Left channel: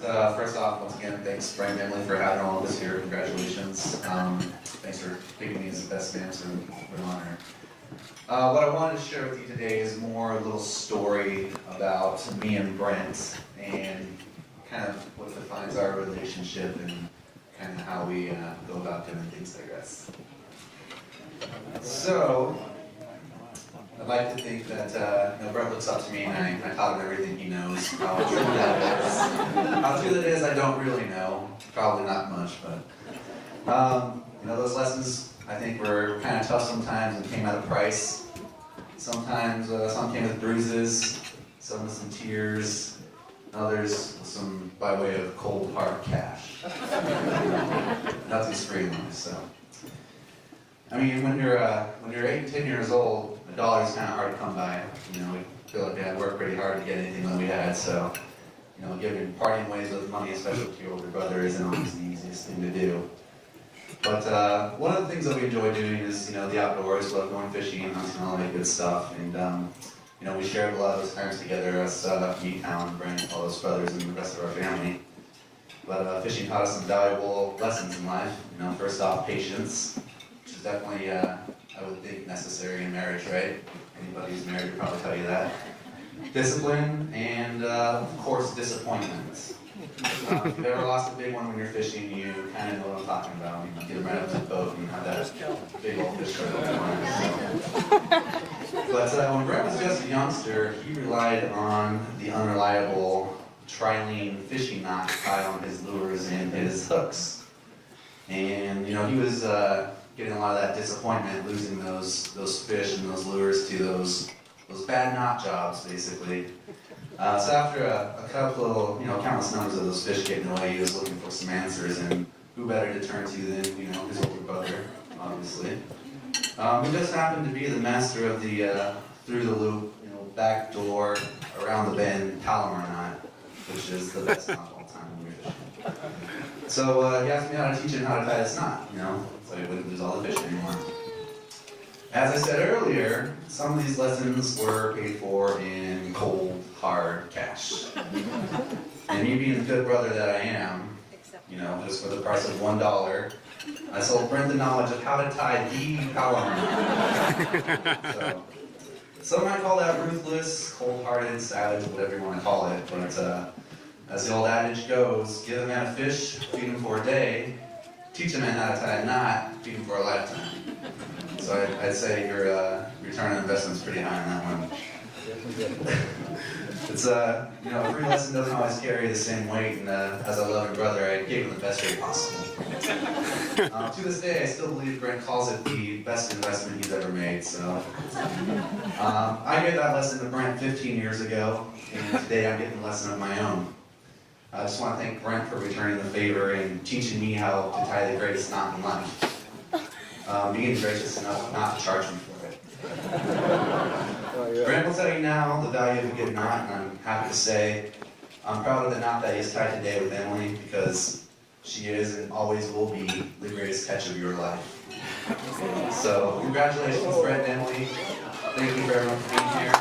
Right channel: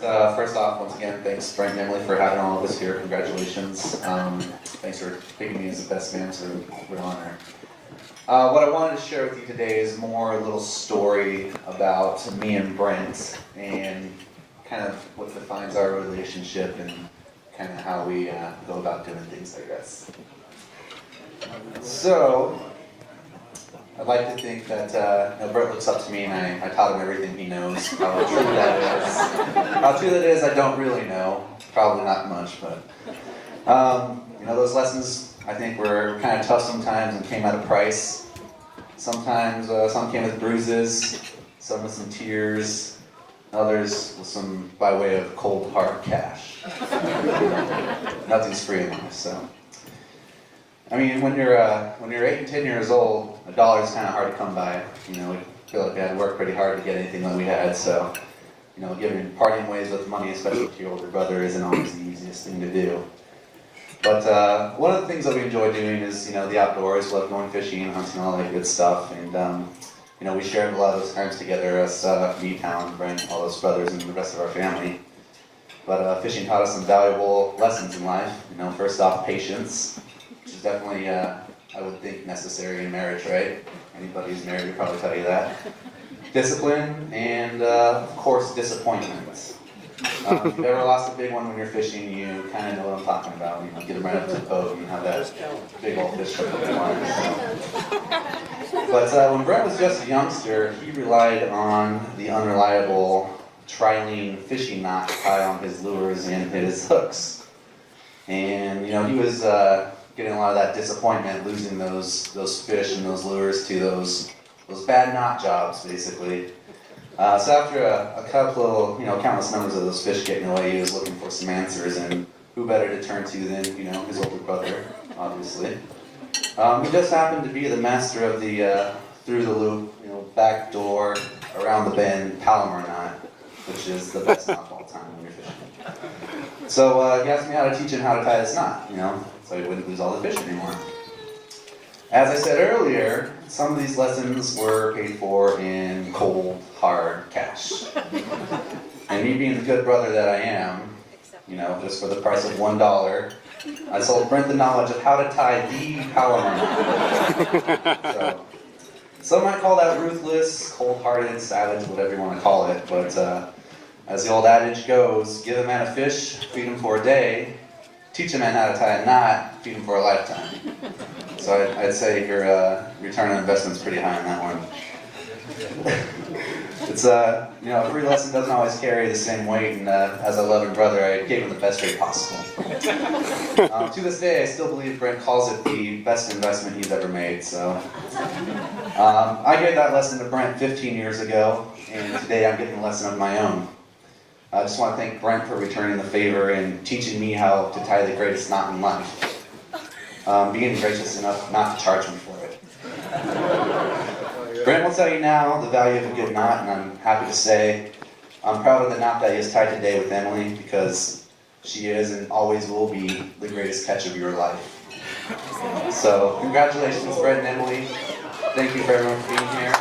First off, once again, thanks Brent and Emily for having all of us here. Congratulations. Thanks for picking me as the best man, so we're honor. What I wanted to share with you today is more a little story about me and Brent and kind of what defines our relationship and kind of how we go about doing things, I guess. So, I'd like to think that Brent looks up to me and I taught him everything he knows. How true that is. How true that is, I don't really know. Probably not much, but those lessons I think were kind of tough sometimes and came at a price. Sometimes some came with bruises, some with some tears, others with some by way of cold hard cash. Nothing's free in life, so. I mean, when you're 8, 10 years old, $1 is kind of hard to come by. We feel like we had to work pretty hard to get anything that we had. So, parting ways with money, especially with your older brother, isn't always the easiest thing to do. But one of the things that we enjoy doing is, the outdoors. We love going fishing and hunting, all that good stuff. And we shared a lot of those times together. Us, me, Talon, Brent, all those brothers, and the rest of our family. But fishing taught us some valuable lessons in life. First off, patience. Which is definitely, I would think, necessary in marriage, right? Anybody who's married would probably tell you that. Discipline, and, of course, disappointment. If you've ever lost a big one when you're fishing, you kind of know what I'm talking about. Get them right up to the boat and have that big old fish hook on the line. But when Brent was just a youngster, he relied on the unreliable trilene fishing knot to tie on his lures and his hooks. And, he was getting a lot of that disappointment, losing those fish and those lures to those bad knot jobs, basically. So after a couple, countless numbers of those fish getting away, he was looking for some answers, and who better to turn to than, his older brother, obviously. He just happened to be the master of the through the loop, back door, around the bend, Palomar knot, which is the best knot of all time when you're fishing. So he asked me how to teach him how to tie this knot, so he wouldn't lose all the fish anymore. As I said earlier, some of these lessons were paid for in cold, hard cash. And me being the good brother that I am, just for the price of $1, I sold Brent the knowledge of how to tie the Palomar knot. So, some might call that ruthless, cold-hearted, savage, whatever you want to call it, but as the old adage goes, give a man a fish, feed him for a day. Teach a man how to tie a knot, feed him for a lifetime. So I'd say your return on investment's pretty high on that one. It's a free lesson doesn't always carry the same weight, and as a loving brother, I gave him the best rate possible. To this day, I still believe Brent calls it the best investment he's ever made. So I gave that lesson to Brent 15 years ago, and today I'm getting a lesson of my own. I just want to thank Brent for returning the favor and teaching me how to tie the greatest knot in life. Being gracious enough not to charge me for it. Brent will tell you now the value of a good knot, and I'm happy to say I'm proud of the knot that he has tied today with Emily, because she is and always will be the greatest catch of your life. So, congratulations, Brent and Emily. Thank you very much for being here.